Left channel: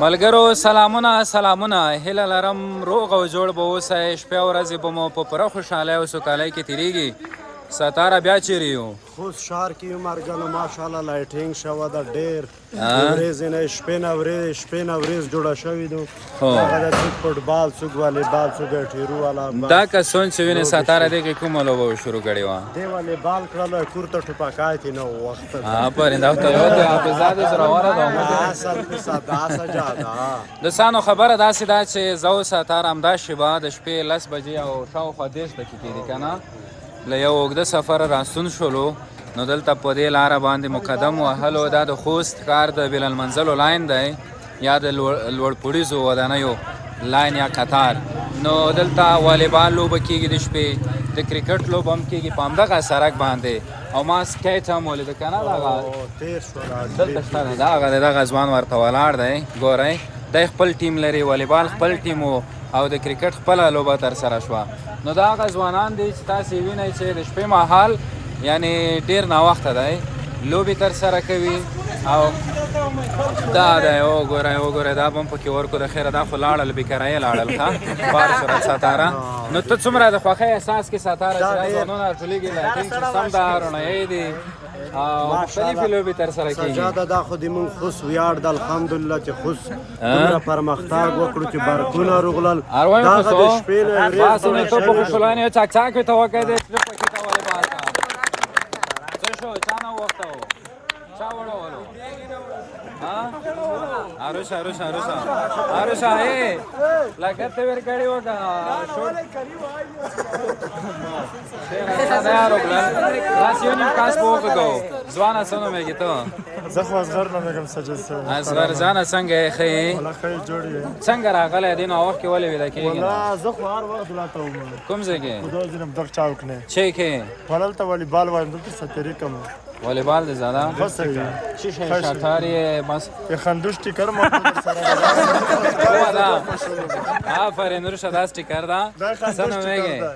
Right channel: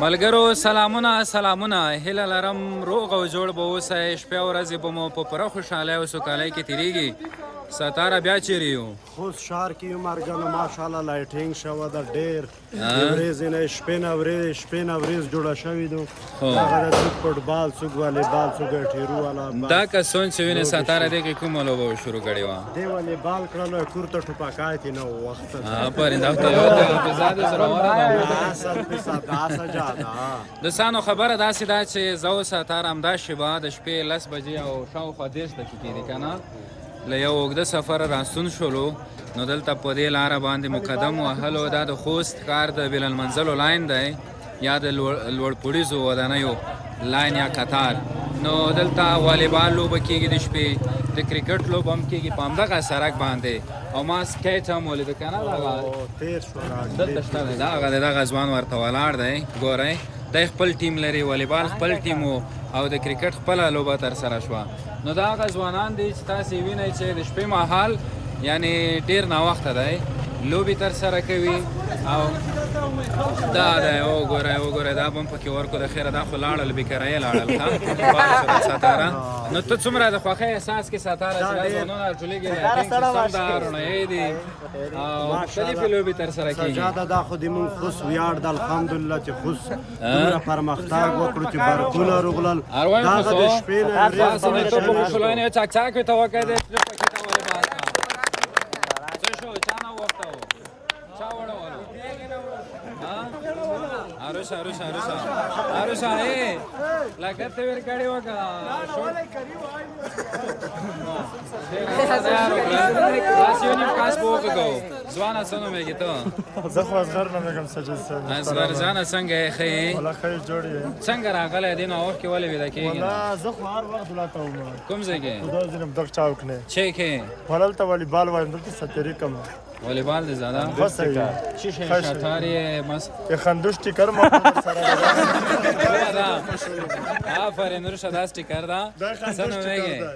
ملګرو سلامونه هیله لرم روغ او جوړ به اوسئ. شپې او ورځې به مو په پوره خوشحالۍ او سوکالۍ کې تېرېږي. ستاره بیا چیرې یو؟ خوست ښار کې یو مرګنو ماشاءالله لایټینګ شوه ده ډېر ورځې نه شپې نه ورځ جوړه شوې ده. هغه د څوک فټبال څوک والیبال څوک ټیرو والا دا کسون چې وینې ستاره دې کې کومه لوبه شروع کړې وه؟ دې والیبال کړله کورته ټوپکات یې نه و وخت آفرین دا ته اصل په ساده جاده د سانو خبره داسې ده چې زه او ستاره همدا شیبه د شپې 10 بجې او شاوخوا 10 دقیقې دي که نه له یو اوږده سفر راستون شولو. نو دلته په دې لاره باندې مقدم وهلو. دا د خوست ښار د بین المنزلو لاین دی یا د لوړپوړیزو ودانیو لاین یا قطار. نو دلته والیبال لوبه کېږي د شپې، د کرکټ لوبه هم کېږي په همدغه سړک باندې. او ما سکیټ هم ولیده که نه دغه ځوان ورته ولاړ دی. ګورئ دی خپل ټیم لري، والیبال خپل ټیم و او د کرکټ خپله لوبه ترسره شوه. نو دا هغه ځوانان دي چې تاسې وینئ چې د شپې مهال یعنې ډېر ناوخته دی لوبې ترسره کوي. او دا دی وګورئ دا به هم پکې ورکو د خیره دا خو لاړل بېکرایه لاړل ښه بار شوه ستاره. نو ته څومره د خوښۍ احساس کې ستاره چې دا ځوانونه راټولېږي لایټینګ سیسټم ده رڼایي دي او مختلفې لوبې ترسره کېږي. سجاده دا خو د مونږ خوست ویاړ ده الحمدلله چې خوست دومره پرمختګ وکړو چې بارکونه روغلل. دغه د شپې نه ورځ جوړه شوې په خوشحالانې چاک ورته وکړی دی چې پکې ته والیبال کا څه شو چا نه وخته و چا وړول عروسه لکه ته ورکړی وه که نه داسې یو نیم کاس به وکړو. ځوانه څه نومېږي ته؟ زه خو اصغر نومېږم سجد صاحب. اصغر جانه څنګه یې ښه یې؟ والله ښه یې جوړ یې. څنګه راغلی دې نو وخت کې ولې ویده کېږي؟ والله زه خو هر وخت دلته وم. کوم ځای کې؟ خو دا ځینې دغه چاوک نه چې کې هلته والیبال وایم دلته سترې کوم والیبال دې زده ښه صحیح چی شی شطار یې بس یې خندوش ټیکر مو در سره آفرین روشه دا سټیکر ده دا خندوش ټیکر ده.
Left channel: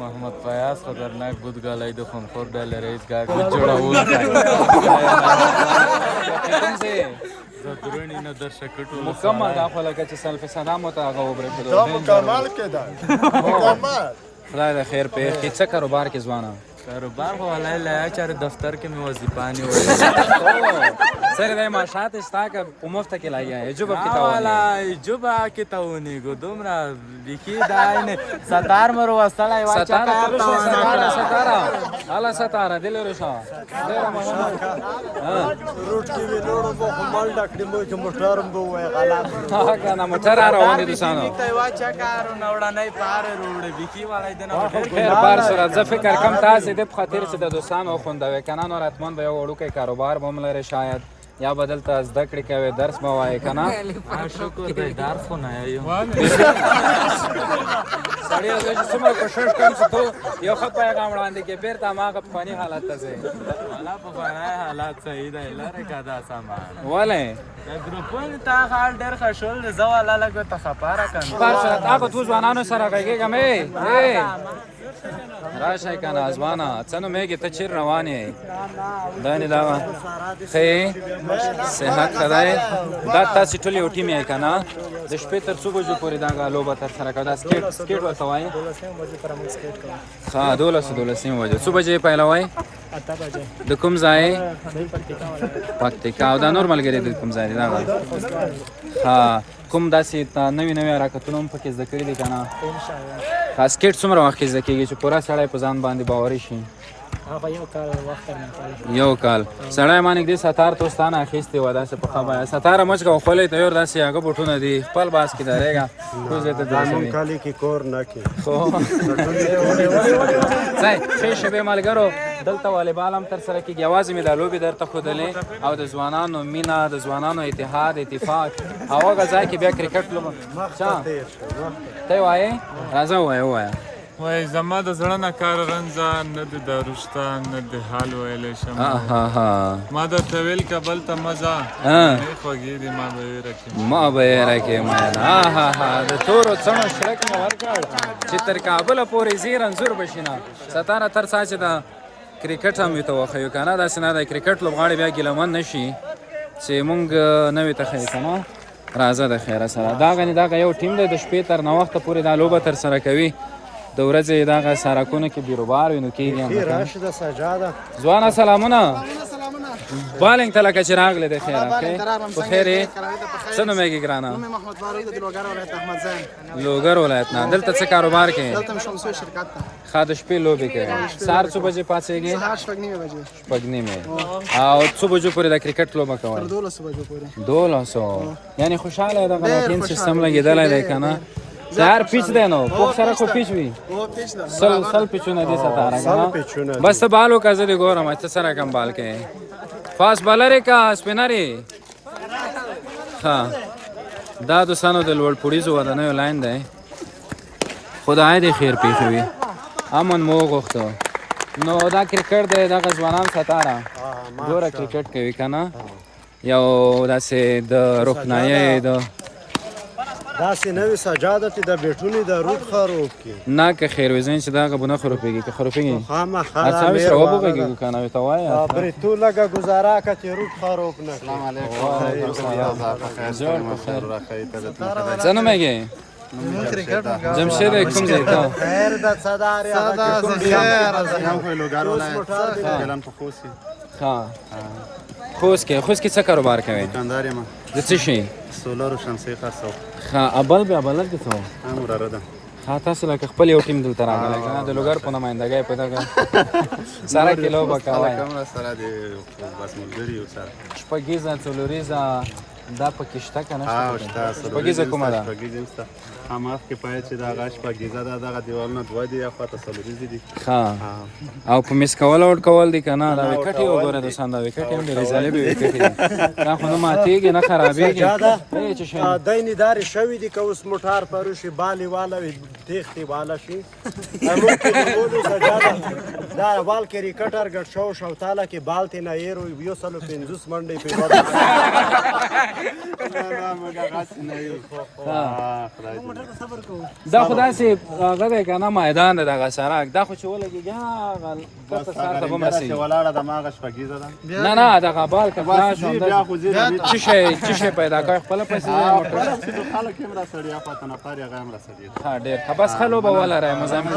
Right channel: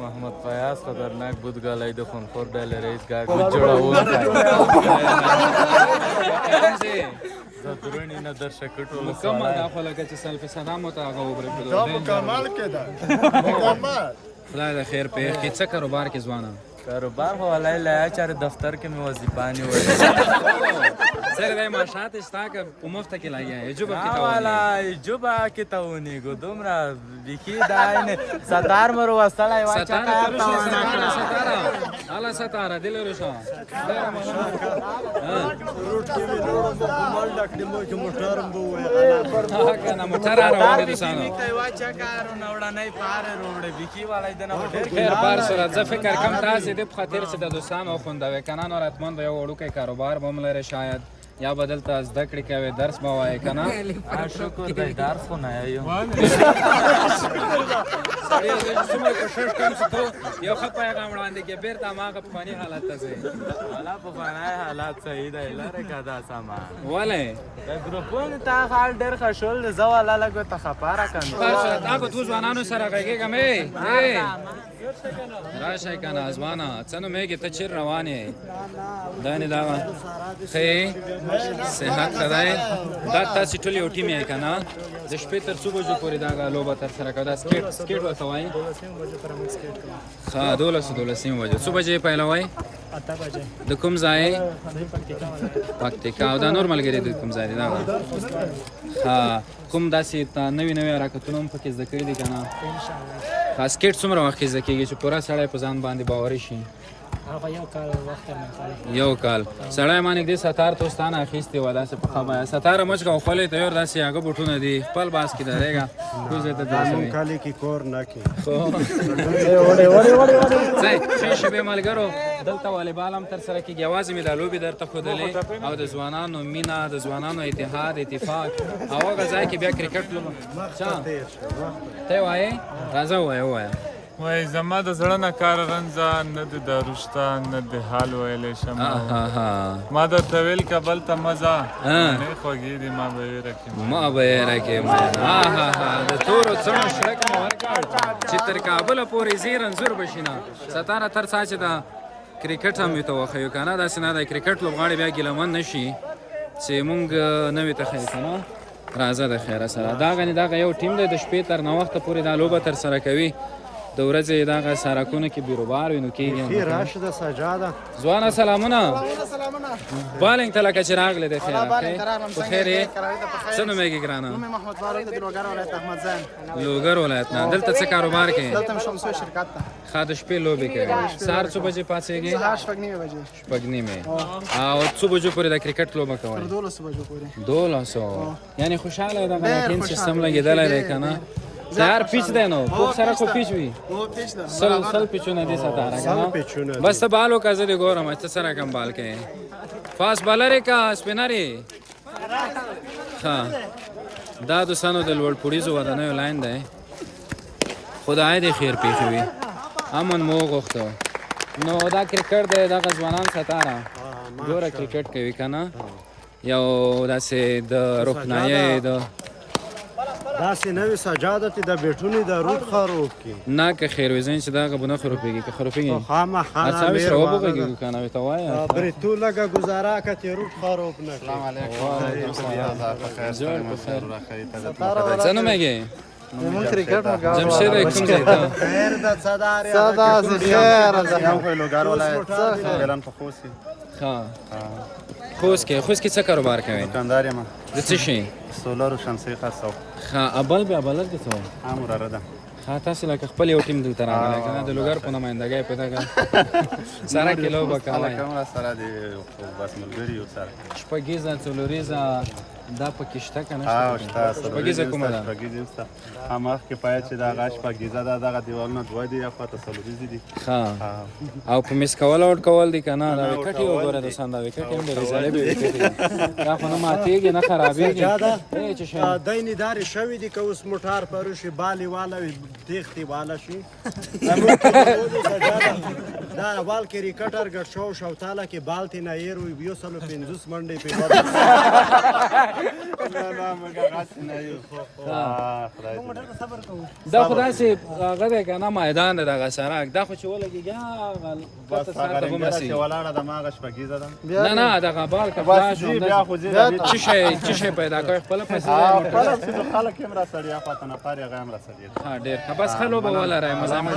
محمد فیاض خطرناک بودگالای د خونخور ډله رئیس ګاډي جوړول زدرونی نه در شکټو مکمل دا خو لکه چې سلف صدام ته هغه وبرېښلو دا مکمل کې ده مکمل. خدای د خیر پېښ کړي. څه کاروبار کې ځوانه؟ کاروبار خو ولای لایا چاره دفتر کې مې وظیفه نیولې سر دی ماشات ستا که په مفته کې لګیا یې جوبه کې والا جوبه کې ته ونیګو دومره بیخي دا نه ستار مر وسړی واچا کار ته ونه کړه الله ستاره دل روشا روټ کې وی لوړو مو مال ډکړې مو چې موټرم به وای غلا کنه موټر روان دي سانو ته واچا کار نه وړنۍ پار روړې بیخي والای دنه ډېر کار سره ځ فکر کم تاسو د خاطر چې د دوستانو خوندوي کنه نو راتمن به یو وړوکی کاروبار به هم لري شاید یا بدل ته زده کړې کوي درس به وایې که نه شکر دی درس خو نه یم څومره کوشش کوم چې تو یو ښه پیغام وړاندې کړې بېرته هماغه پخواني حالت ته ځې والا پخوانی حالات صحیح دی لرې که دا سامان ولې د ګروپونو تا حال ډېر ښه شول دی زه والا لږ ورته خفه راکنم تا به تو ځوانانو سره غږېږم راشئ که نه ځوانه څه نومېږي ته چېر روان یې دا نه دا ښه صحت ښه دی دا تاسې ټول یو ټیم یې که نه د شپې تر څو بجو پورې دغه لوبه ترسره کوه دا سکیټ ورته وایي ښه 12 بجې څو بجې پیلوئ 8 بجې د کوم ځای پکتیکا او دا نور ملګري د کوم ځای دی دا ښه کوم داسې نوي حرکتونه هم پکې زده کړي دي که نه ښه سکیټ څومره وخت کې زده کېږي چې پوره سړی په ځان باندې باوري شي هغه یو کال وخت یو کال سړی ما نږدې ستار تو ستانه اخیستې وه داسې په ښه بیه ستاره مچ کوه خولۍ ته یور داسې هغه بوټونه دي خپل باس کې درېږه دا مونږ کالي کې کور نه کې ښې شېبې ملګرو دلته والیبال هم ترسره کېږي یوازې مې دا لوبې درته ښودلې او د ځوانانو مینه د ځوانانو اتحاد اتفاق او هغه ځای کې بیا کرکټ لوبه ته یې وایې راځه ووایه وای زما د زړه نه کار رنځه نه د دارو شته نه د حال ویلی شم ما درته ویل کابل ته مه ځه نه خوږې دي ما به یې راکړې د تورو څڼو شرک مې ورکړ چې تر کابله پورې ځې رنځور به شي نه ستاره تر څا چې د کرکټ هم ورته وښیو که نه داسې نه دی کرکټ لوبغاړي بیا ګیلمن نه شي چې مونږ نه وي ته ښیي که نه راځه د خیره سره دا غني دا یو ټیم دی د شپې تر 9 وخته پورې دا لوبه تر سره کوي د ورځې دغه سرکونه کې بیروبار وي نو کېږي راشده سجاده ځوانه سلامونه بالنګ ته لکه چې راغلی دی خیر په خیر یې څه نوم یې ګرانه محمد فاروق د لوګر ولایت احمد زین لوګر ولایت نه دلته څه کاروبار کوي دلته شمسو شرکت ته ښه د شپې لوبې کوي سهار څو بجې پاڅېږي سهار 9:30 بجې شپږ نیمې او څو بجو پورې د کرکټ لوبه کوئ 12 بجو پورې 1200 یعنی خوشحاله دغه ټیم سیستم لګېدلی دی که نه سهار پیچ دی نو پوخ سره خو پیچ وي سل پیچونه دي ستاره بس ته بال وکړه زه دې ګورم ته سره کم بال کوې فاست بالر یې که سپینر یې ښه دا دوستانو د لوړ پوړیزو ودانیو لاین دی خدای دې خیر پېښوي امن مو وغوښته نو دا کرکټ دی دغه ځوانان ستاره ګوره کرکټ کوي که نه یو داسې د روښنایۍ د داسې نوې سجاده چې د بیټونې د روټ خروب کې نه که خیر وزین چې دا غبونه خروپېږي که خروپېږي خامخا اصلا میر شو والا بگی کنه وی توای بری تو لگا گزارا که روټ خروب نه السلام علیکم زنو میگی جمشید کوم ځای ته خیر د صدار هغه یم خو لوګر ولایت بلان په خوسي ها خوست کې څه کاروبار کوي دکاندار یم د څه شي سولر او شمسي خاصو ها ابل به ابل دي ته امر ده ها تاسو لکه خپل یو ټیم دلته راغلی کنه د لوګر په نمائندګۍ په دغه سره کیلو وکړای کومه سره دی بس ملګری یو سره شپږیزه څلوریزه دا پکې شته کنه ها شته شپږیزه کومه ده شپږیزه هماغه کې پای چې دا غاښ شپږیزه دا دغه دیوالونه دوه دي یا خاطر څلوریزه دي ها او په مس کول او کول دي کنه دا وکټي وګوره د سند وکټي هم لري ځلې به وکټي دا خو نو ماتېږي نه خرابېږي دایني داري شوی دي که اوس موټار پروشي بالي والا وي تېختې والا شي دا بال کرکټر ګټ شو تاله کې بال ته نه یې روي 250 منډې په نه مګه غاښ نه یو دا خدای سي هغه دی کنه میدان دی دغه سړک دا خو چې ولګېږي بس هغه رنګره چې ولاړه د ماغه شپږیزه ده نه دغه بال که بس جی بیا خو زه څه شی پیدا کوي خپل پیسې خپل چې خلک هم را سړیا پته نه پاره هغه هم را سړیا ها ډېر خبس خلو به ولره مزامل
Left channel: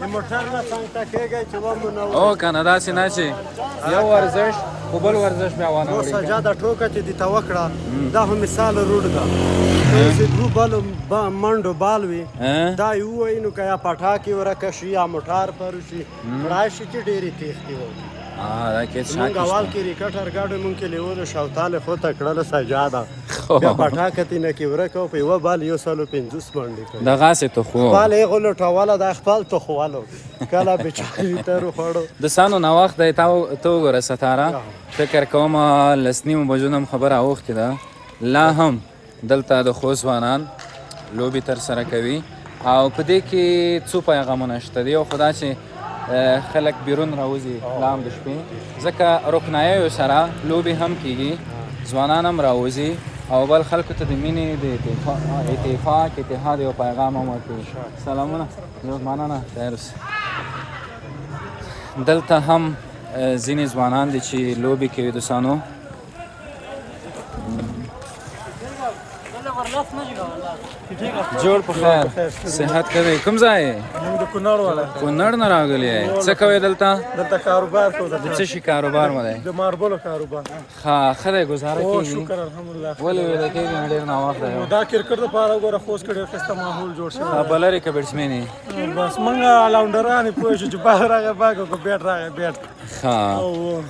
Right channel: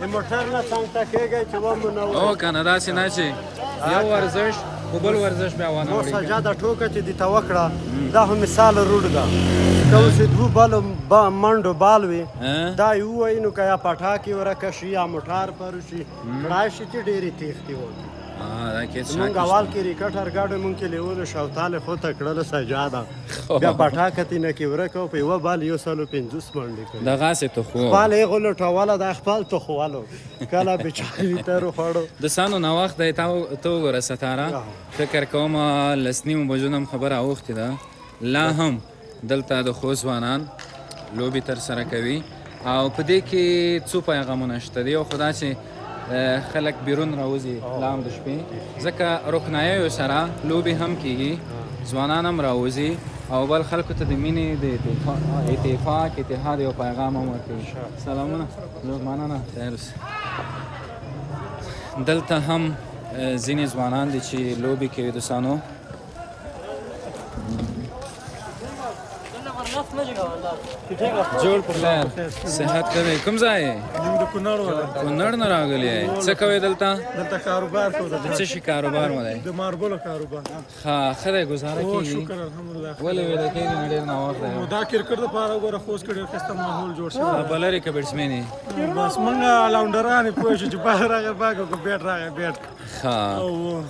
د موټر نه څنګه کېږي چې و مو او کنه دا سي نه چې یو ورزش خو بل ورزش بیا وانه نو وړي سجاده ټوکه چې د توکړه دا هم مثال روډ دا که اوس دو بال منډو بال وي دا یو وای نو که یا پټاکي ورکشي یا موټار پروشي راشي چې ډېرې تېختې وږي دا کې مونږ اول کرکټر ګاډو مونږ کې لیولو شوتاله خو ته کړله سجاده بیا پټاکتې نه کې ورکو په یوه بال 150 منډې کوي دغه سي ته خو خپل یې غلټوله د خپل تخوالو کله بچاري ته وخوړو د سانو نو وخت دی ته وګوره ستاره فکر کوم لسنیمو بجو هم خبره اوختې ده لا هم دلته د خوست ځوانان لوبې تر سره کوي او په دې کې څو پیغامونه شته دی او خدا چې خلک بیرون راوځي لام د شپې ځکه روښناییو سره لوبې هم کیږي ځوانان هم راوځي او بل خلکو ته د مینې د اتفاق اتحاد یو پیغام هم ورکوي سلامونه مننه خیر اوسه دلته هم ځینې ځوانان دي چې لوبې کوي دوستانو جوړ په خیر صحت کوي کوم ځای مونږ د کونړ والا کونړ نه راغلی څه کوي دلته کاروبار کوو څه شي کاروبار مو دی د ماربلو کاروبار ښه ښه دی ګزاره او کېږي شکر الحمدلله ولې ویده کېږي نه ډېر ناوخته دی دا کرکټ دپاره وګوره خوست کې ډېر ښایسته ماحول جوړ شوی بلرې که بیټسمین بس مونږ الاونډران یې پوه شو چې بال راغی باګ او که بیټ راغی بیټ ښه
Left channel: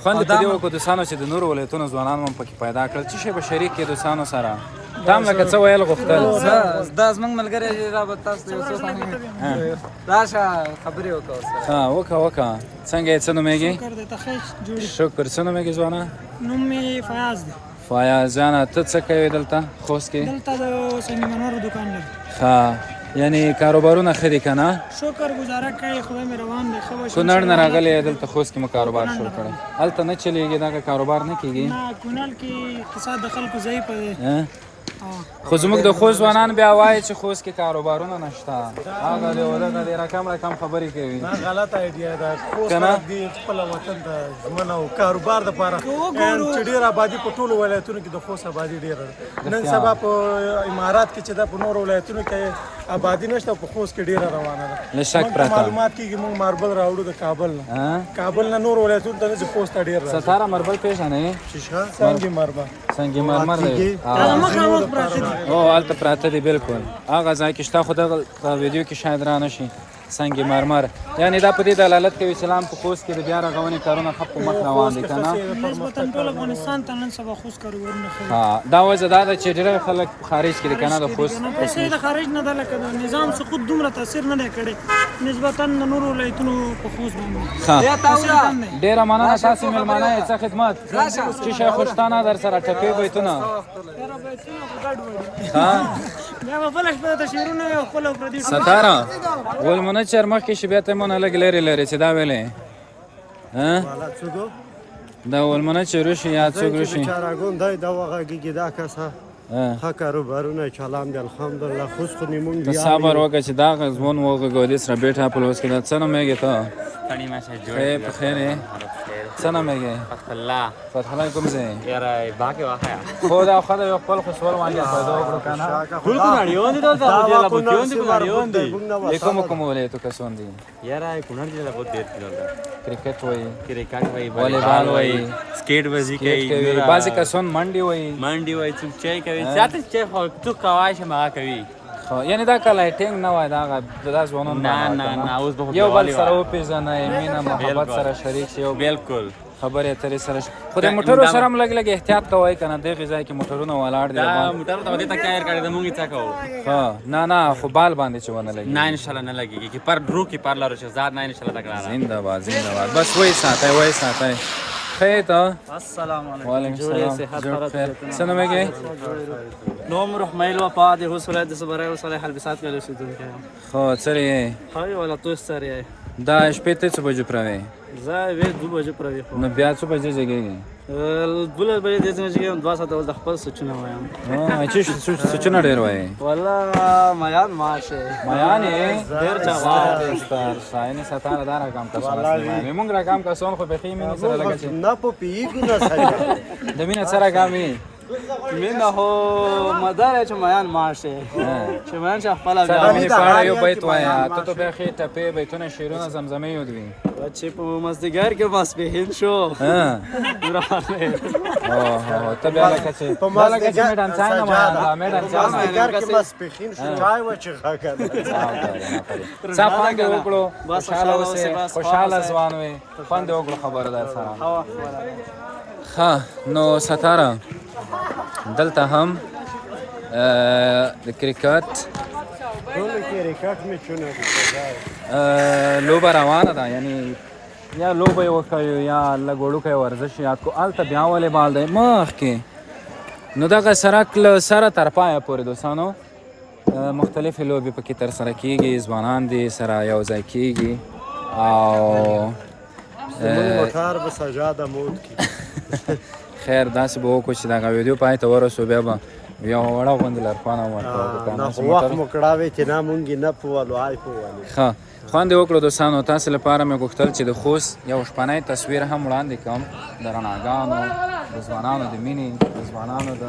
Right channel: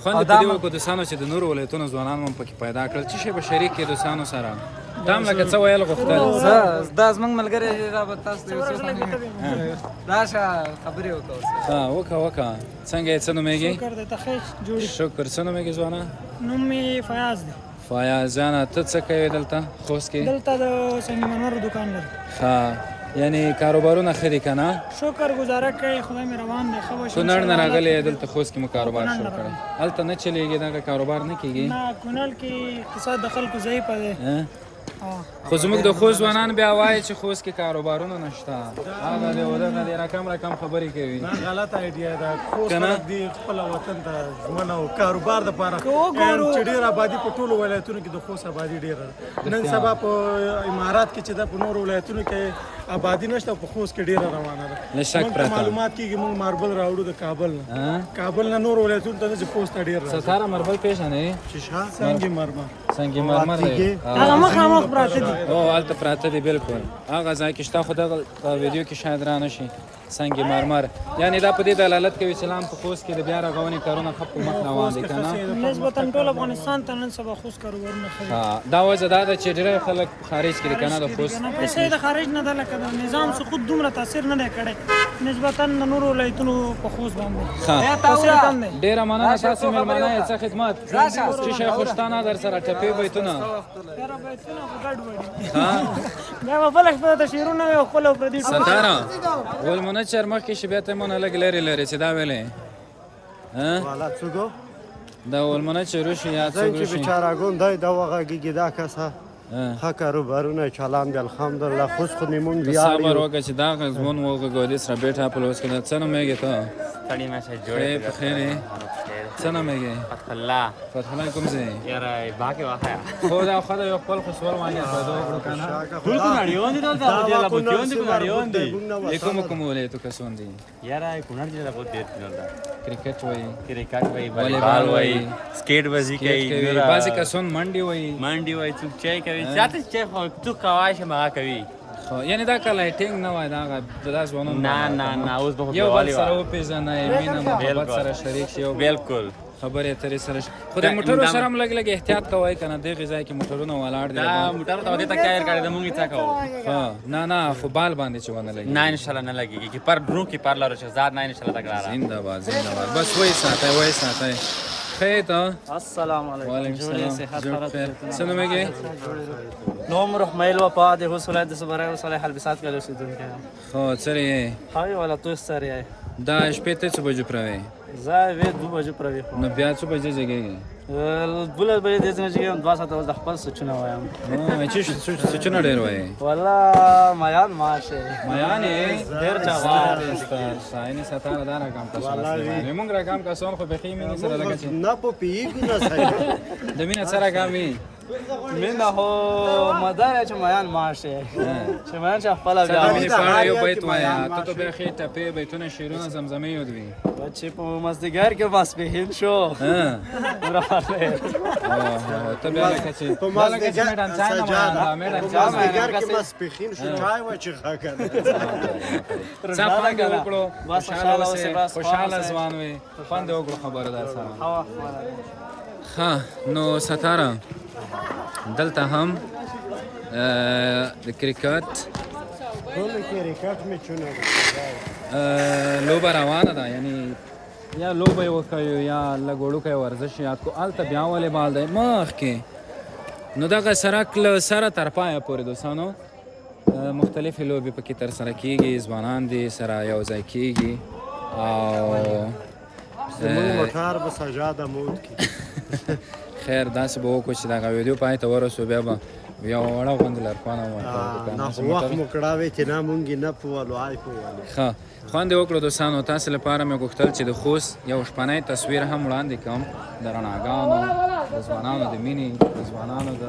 خوند په دې وکړو دوستانو چې د نورو ولایتونو ځوانان هم پکې پیدا کړل څه شی به شریک کړي دوستانو سره تا هم لکه څه ویل غوښتل دا زمونږ ملګری دی دا به تاسو ته یو څه ثانیې راشه خبرې وکړه ورسره ها وکړه څنګه یې څه نومېږي شکر دی ته ښه جوړ شکر څه نومېږي ځوانه نوم مې فیاض دی فیاض جانه ته څه کوې دلته خوست کې دلته د سنگمرمرو دوکان دی ښه یعنی کاروبارونه ښه دي که نه شکر گزاره کوي خدای مې روان دی ښه به شي کونړ نه راغلی دلته خوست کې مو کاروبار شروع کړی هلته نه چلېږي دغه کاروبار نه کېږي نه کونړ کې اقتصاد د خلکو ضعیفه دی خو زموږ د خوست ځوانان بیا وایي چې خوست کې کاروبارونه نشته هغه دی ودغه دی رقم خبرې کوي دا غلط ایډیا ده خوست خلک دی خپل وطن ته ژمنه او کاروبار دپاره چې ډېر آبادي په ټولو ولایتونو کې د خوست آبادي ډېره ده نن سبا په امارات کې چې دا په نورو ولایتونو کې آبادي نشته په خوست کې ډېره روانه ده موږ ته معلومات کېږي موږ ماربل راوړو د کابل نه کابل نه نور ولایتونو ته نه چې خوست ته ډېر راځي ستاره مربل پیژنې سنگ مرمر سنگ مرمر دی او هلته پراته دي بالکل هغه ځای کې شته خو دغه ویډیو کې شاید را نه شي سنگ مرمر یعنې دا په دې دلالت کوي چې لا هم په خوست کې د بیا رغونې کارونه ښه په مخ روان دي که نه نسبتا ټول افغانستان ته نن سبا خوست کاروبارونه ښه دا وجه دا ده چې ډېر خلک خارج کې دي که نه د خوست پیسې د خارج نه ده لکه د نظام سقوط دومره تاثیر نه دی کړی نسبتا د نورو ولایتونو په خوست باندې ډېره مننه ستاسې مېلمانه یې څه خدمت چې شیخ خوشتانه در سره ټپې بیتونه دا به بله شپه د شعرونه وي او خپله پردي ستاره ولمنچر مخکې شي بیا ته یې مونه لږ لرې لرې چې دا ویلې والا څوک دا ولمنچر وشي یا څوک چې وشي بیچارهګون دی دا وغږېږي دا کسه ښه کاروبارونه چلان دی الحمدلله خوست خو نیمونږ صبر وکړه چې دا غزمون وغږولي سره بیټه په لوس کې دا څه نومېږي ته په خیر یې څه نومېږي فتح الله کوم ځای خو دا ښه ده یو خپل خو سول باندې پیدا وکړو که نه د کومو ولایتو کسان دي کرکټ وایي والیبال وایي سکیټ بازی کوي بعضې کسان منډې وایي منډي وای څوک چای کوي چاته چای خو تو کوای شم هغه کوي یعنې دا که لایټینګ نه وای دا ځوانان نه اوس به یو بل سره وپېژنئ مینه محبت سره شریک شي بالکل خبرې اترې سره خو د موټرو سره هم لږ لږ احتیاط کوئ که نه دغې ځای کې موټرونه ولاړ دي دا موټر ته دې ته کایر کړی د مونږ څه کوو نه خو بال باندې چې ونه لګي نه انشاءالله نه لګېږي که پر درو کې پر لارو شهزاد نه انشاءالله تکرار زنده‌باد بس وایي ساتئ خیر ته السلام علیکم وعلیکم جوړې السلام صحت فرات څه نومېږي نوم رحمیل وفا د هوس ولایت صبرای و صالح البسات کې اوسېدونکی یم خو څرې یې هاوی ولا تو سره دا شپې ته څه بجې پروې زه وې 2 بجې پروي خو نو بیا څه بجې جګېږي 12 بجې د ځنګ جګم 2 ساعته ول د خپل سوچونه وایم چې سوچونه ډېر وایي والله میان ماشه میان یې ډېر چا اینې ستانه دا رقم کسان موږ رقم کسان خو بیخي مینې سره لګه چې نه په پیږو نه سره د مینې څه رقم وي من هو مدار چې میان ماشه چې میان چې خپل بیا یو بیت وایه ته بیا ښې ټپې بیتونه شعرونه زمزمې یودوي چې په مازدیګر کې ماسپښین شو ته بیا لکه چې په مازدیګر کې ماسپښین شو چای وچښه که نه څه خوند یې وکړو خوشحاله ځوان وې خوند یې وکړو خبره در سره ښه نو ستاره دلته هم د کرکټ لوبه روانه ده یعنې یا لوبه یې وکړو یا لږ وړوکی ورزش یاد کو هلته بیا والیبال دی مخکې نو دغه سرک له سره تر پایه پورې دوستانو مختلفې لوبې پکې ترسره کېږي ځوانان دې سره یو ځای کېږي او زموږ موټر به سجاده مود کړي خیر داسې به وکړو چې دغه ویډیو پای ته ورسو بیا به یو وړه غوندې لارښوونه نه خو وخت مو کړاوی چې نه مونږ یې نه پوولو آی پوولې ښه خوند یې وکړو دوستانو تاسې لپاره مې غوښتل چې د خوست یو شپنی تصویر هم وړاندې کړم د رڼاګانو د ځوانانو د مینې د ځوانانو د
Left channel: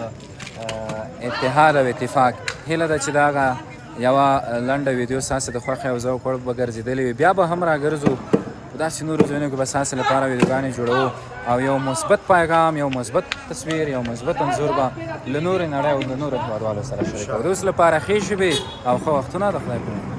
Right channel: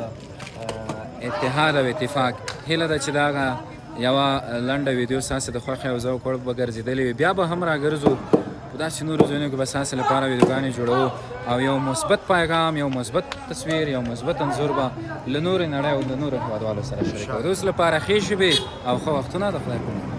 اتحاد او اتفاق هیله ده چې دغه یوه لنډه ویډیو ستاسې د خوښې او ذوق وړ به ګرځېدلې وي بیا به هم راګرځو په داسې نورو ځایونو کې به ستاسې لپاره ویډیوګانې جوړوو او یو مثبت پیغام یو مثبت تصویر یو مثبت انځور به له نورې نړۍ او د نورو هېوادوالو سره شریکوو د اوس لپاره ښې شپې او ښه وختونه د خدای په امان